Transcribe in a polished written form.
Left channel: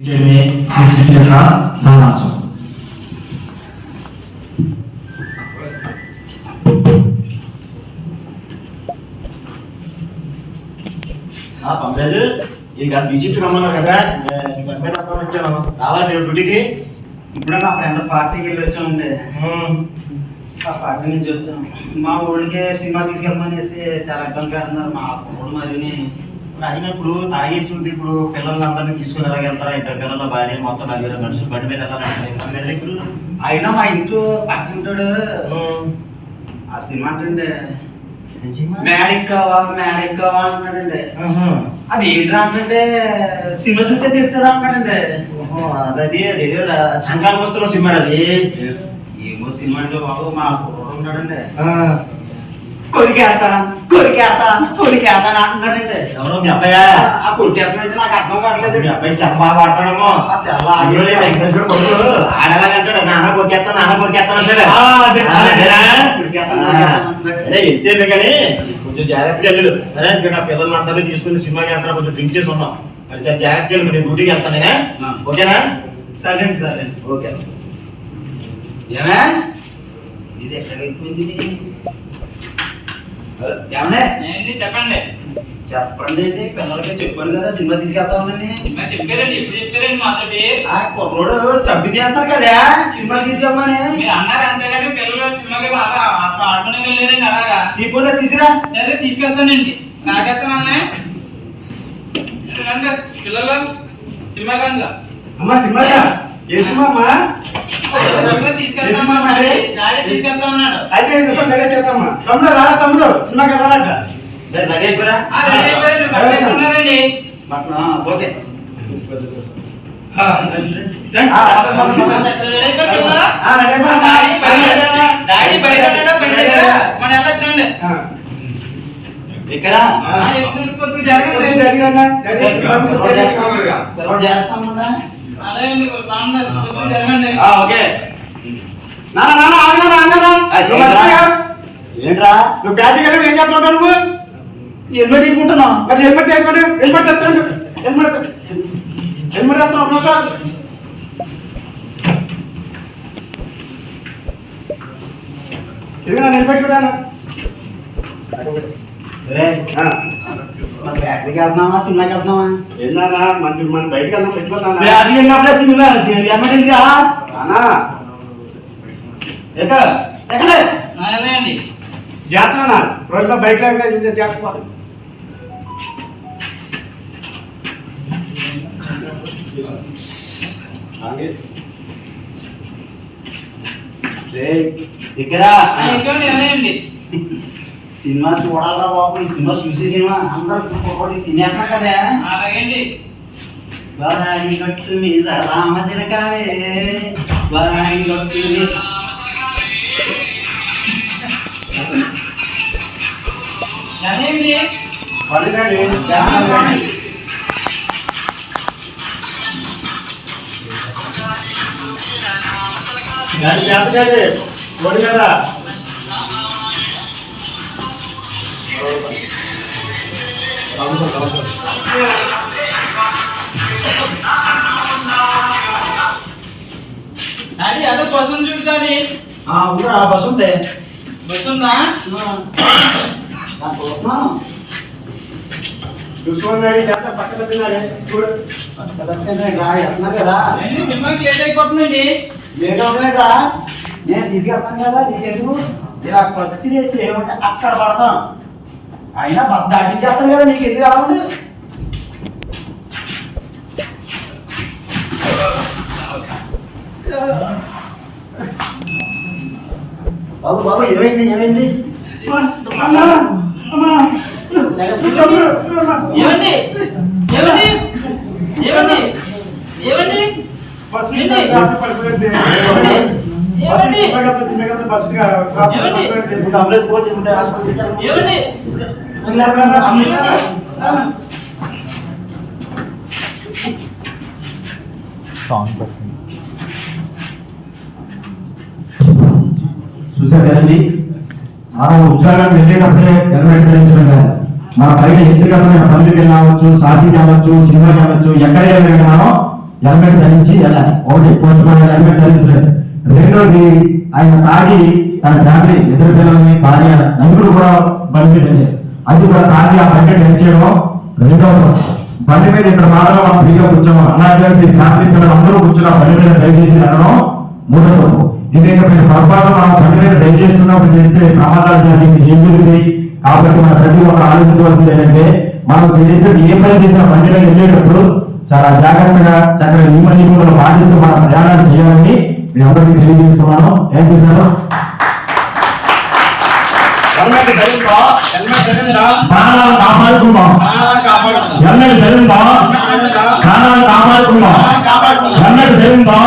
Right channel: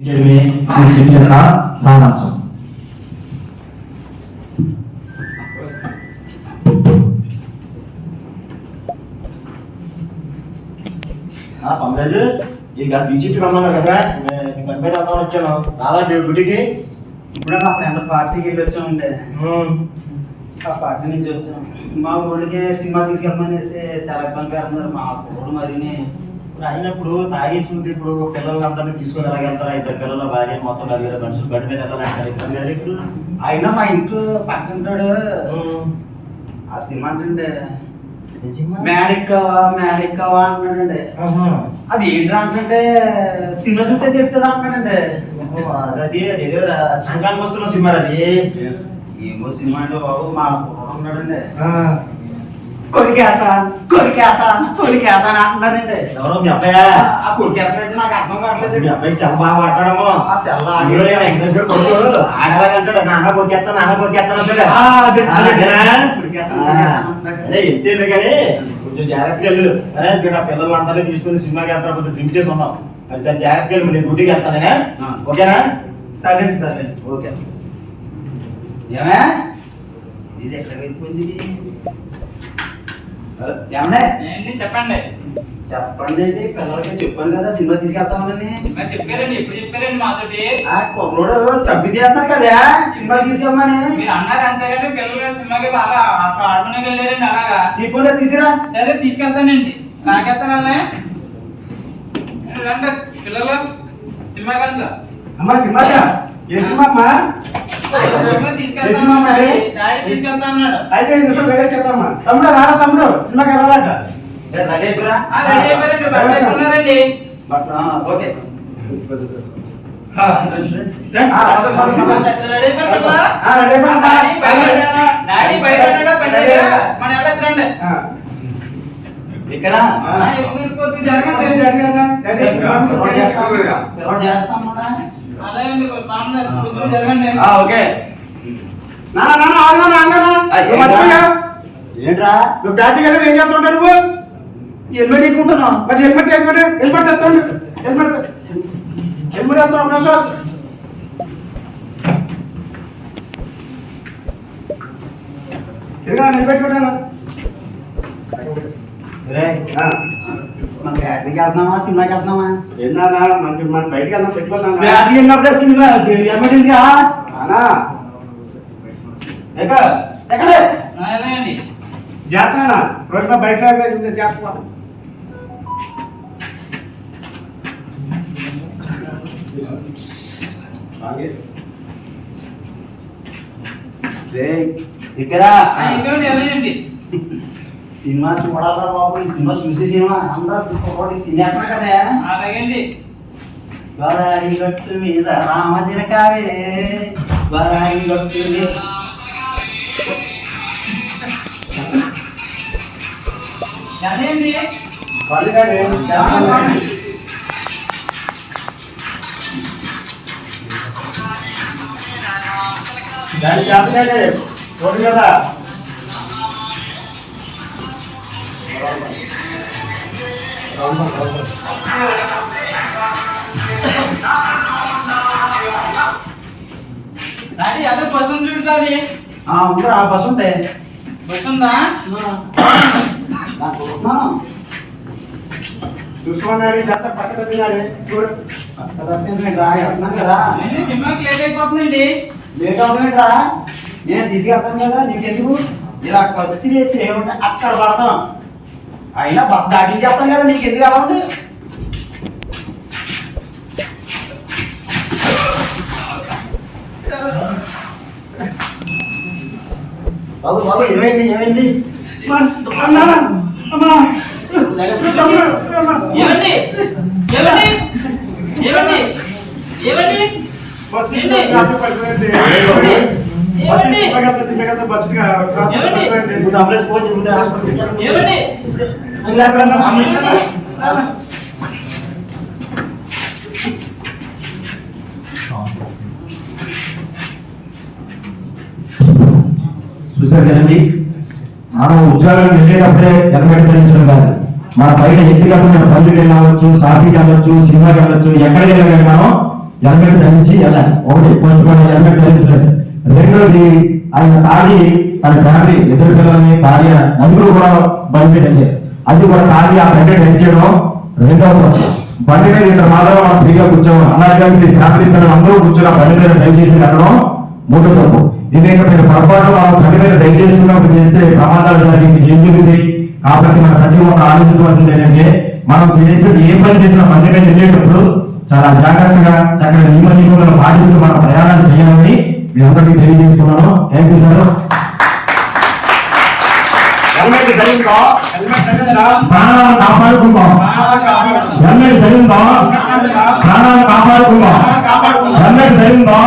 సారాంశం పంపరాజు ఈ గంట బీజేపీ రమ్మన్నారు కదా గంట రమ్మని వచ్చాను రావాలి డ్యూటీకి ఇప్పుడే మా ఫ్రెండ్ పార్టీకి వెళ్ళి వచ్చామండి. ఆ పార్టీ నుంచి వచ్చాం. మా ఊళ్ళకి సినిమా తీసుకెళ్ళమనేసి చాలా ఇబ్బంది పెడుతున్నారు మా ఊళ్ళు. మరిని అయినప్పుడు తాగేస్తుంటే ఇప్పుడు పిల్లలందరినీ తీసుకుని ఎలాగ వెళ్తారా? ఇద్దరు పిల్లల భార్య మొత్తం 4 మనుషులు బండి మీద వెళ్ళాలంటారు ఇప్పుడు. అయినా మా ఇంట్లో పక్కింటాడు ఆ సినిమా అంటే మేడెక్కావా అన్నాడండి. అది ఏంటి అంటే సినిమా చుట్టే తెస్తుంది అంటాడండి. అది సంక్రాంతి వస్తున్న సినిమా అది. ఏమో సినిమా అంటే బాబు మా కుర్రోడు ఉన్నాడండి. కొరికేత అంటున్నాడండి. ఎవరో మీ అబ్బాయి? ఆ కొరికేత నాకు అర్థం కావట్లేదు. మీ అబ్బాయి సెల్ బాగా వాడతాడేమో. ఆ సెల్ వెంకటేశ్వర కొడుకు ఆడవాలంటాడు నాన్న కొరికేస్తాను అంటాడు. సరే ఎంతేంది కానీ కొంచెం జాగ్రత్తగా వెళ్ళు. అరే ఇక్కడ పిల్లలు అందరినీ తీసుకుని సినిమాకి వెళ్తారా? కొంచెం డ్రింక్ చేసి ఉన్నాం. మరి చాలా జాగ్రత్తగా వెళ్ళి నేను డ్యూటీకి వెళ్తానే. ఓకేనా? సరే ఓకే. ఏమే ఇది ఎక్కడైపోయింది? ఏమన్నా చెప్పండి. చెప్పండి అండి, పిల్లలకి చెప్పాను కదా సినిమా తీసుకెళ్తామని. చెప్పారండి, ఎప్పుడు చెప్పారండి మాతోటి? ఆ కుర్రోడు చంపి చేస్తారు కదా సినిమా తీసుకెళ్ళమని. మీరు అన్నారు అంతేగాని పిల్లలు సినిమాకి బాగా ఆడుకునే వెళ్ళారండి. అలాగా తీపోలే తీసిరా. సరే తీసుకెళ్తానండి. నాకెళ్తానన్నా రండి పిల్లలు సినిమాకి అందా. అమ్మా సినిమా ఏ సినిమా అమ్మా? తీసుకెళ్తా ఉన్నాడు. అయితే చేద్దామా తమ్ముడు రారా? తమ్ముడు సినిమాకి వెళ్ళాలట. రెడీ అయిపోయారా? ఉన్నారండి. ఓకే డాడీ బయట ఉన్నాడు బండి దగ్గర. మన వెళ్ళొచ్చునండి. ఇక్కడ ఏంట్రా నువ్వు బ్యాటింగ్ వెళ్ళి ఏం చేస్తుంటా? నువ్వు హెల్మెట్ తీసుకుంటున్నావు. మరి హెల్మెట్ తెస్తాను. హెల్మెట్ వేస్తావు సార్. హెల్మెట్ పెట్టాను. మన బ్యాటరీకి వెళ్తున్నావా సినిమాకి వెళ్తున్నావా? ఏందన్నా మన బయటకు వెళ్దాం పెట్టుకున్నా. బ్యాటరీ వెళ్ళినప్పుడే సినిమా ఎమర్జెన్సీ ఎక్కడే అండి. జాతర రోడ్లో బయట జాతర. వెళ్ళండి. సినిమా చూడాలరా బాబు. ఈ సినిమా చూసే సినిమా అందరూ తినేస్తున్నా కదా. అలాగండి. వరాడి గట్టు మీద రామచిరకావే వరాడి గట్టు మీద అదేంటి జాతకాలే రోడ్డు మీద డాడీ అదే బస్సు చూస్తాడు. ఉందిరా బస్సు ఉంది. బస్సు ఉందా? చూసుకోండి జాతర పక్కన తిన్నాను చూడు. వెళ్తున్నాను కదా. సినిమాకి లేట్ అయిపోతుందండి. లేట్ అవుతున్నాయిరా. నేను తీసుకెళ్తాను కదా. నీకెందుకు ఇలా వచ్చి ఏమంటే అక్కడ పడతాం. అయినా బస్సు దాటించేస్తాను కదా. నీకు ఎందుకు అలా ఉంది? బాబు ఏమైంది? ఏమండి ఏమండి ఏమండి ఏమండి ఏమండి చూసారు కదండి, మనం ఉద్యోగం వెళ్ళేటప్పుడే హెల్మెట్ ధరించడం కాదు. మన బయట వ్యక్తిగతమైన పనులకు వెళ్ళవచ్చు, షాపింగ్కి వెళ్ళవచ్చు, సినిమాకి వెళ్ళవచ్చు, ఎక్కడికి వెళ్ళాలి మనం హెల్మెట్ ధరించి వెళ్ళాలి. ఒకటి కొంచెం హెల్మెట్ ధరించలేదు. రెండోది ఆయన తాగి తన ఫ్యామిలీ ఇద్దరు పిల్లల్ని భార్య నలుగురు కూడా బండి మీద వెళ్ళారు. అది కూడా తాగి ఆ బండి డ్రైవ్ చేయడం రెండవ బండి మీద ఇద్దరు మాత్రమే మనం ఫ్రీగా కూర్చోం. అలాంటి ఫ్యామిలీ పిల్లలు అందరూ కూర్చొని ఆ బండి మీద డ్రైవ్ చేసి వెళ్ళడం మూడో తప్పు. ఇదేంటంటే పొరపాటు మనం బండి మీద డ్రైవ్ చేసుకున్నప్పుడు చేస్తే ప్రమాదాలు జరిగింది ఏం జరుగుతాయి. కాబట్టి మన ప్రతి ఒక్క ఆలోచించవలసింది ఏంటంటే మనం చేసేది ఏ పని చేసినా బండి మీద వెళ్ళేటప్పుడు చాలా జాగ్రత్తగా చక్కగా నియమాలు పాటిస్తూ మన ప్రయాణాలు చేయాలని మీ అందరికీ తెలియజేస్తున్నాను. Thank you sir. హెల్మెట్ ధరిందా? హెల్మెట్ ధరిందా? ప్రాణాలను కాపాడుకుందాం. హెల్మెట్ ధరిందా? ప్రాణాలను కాపాడుకుందాం. హెల్మెట్ ధరిందా?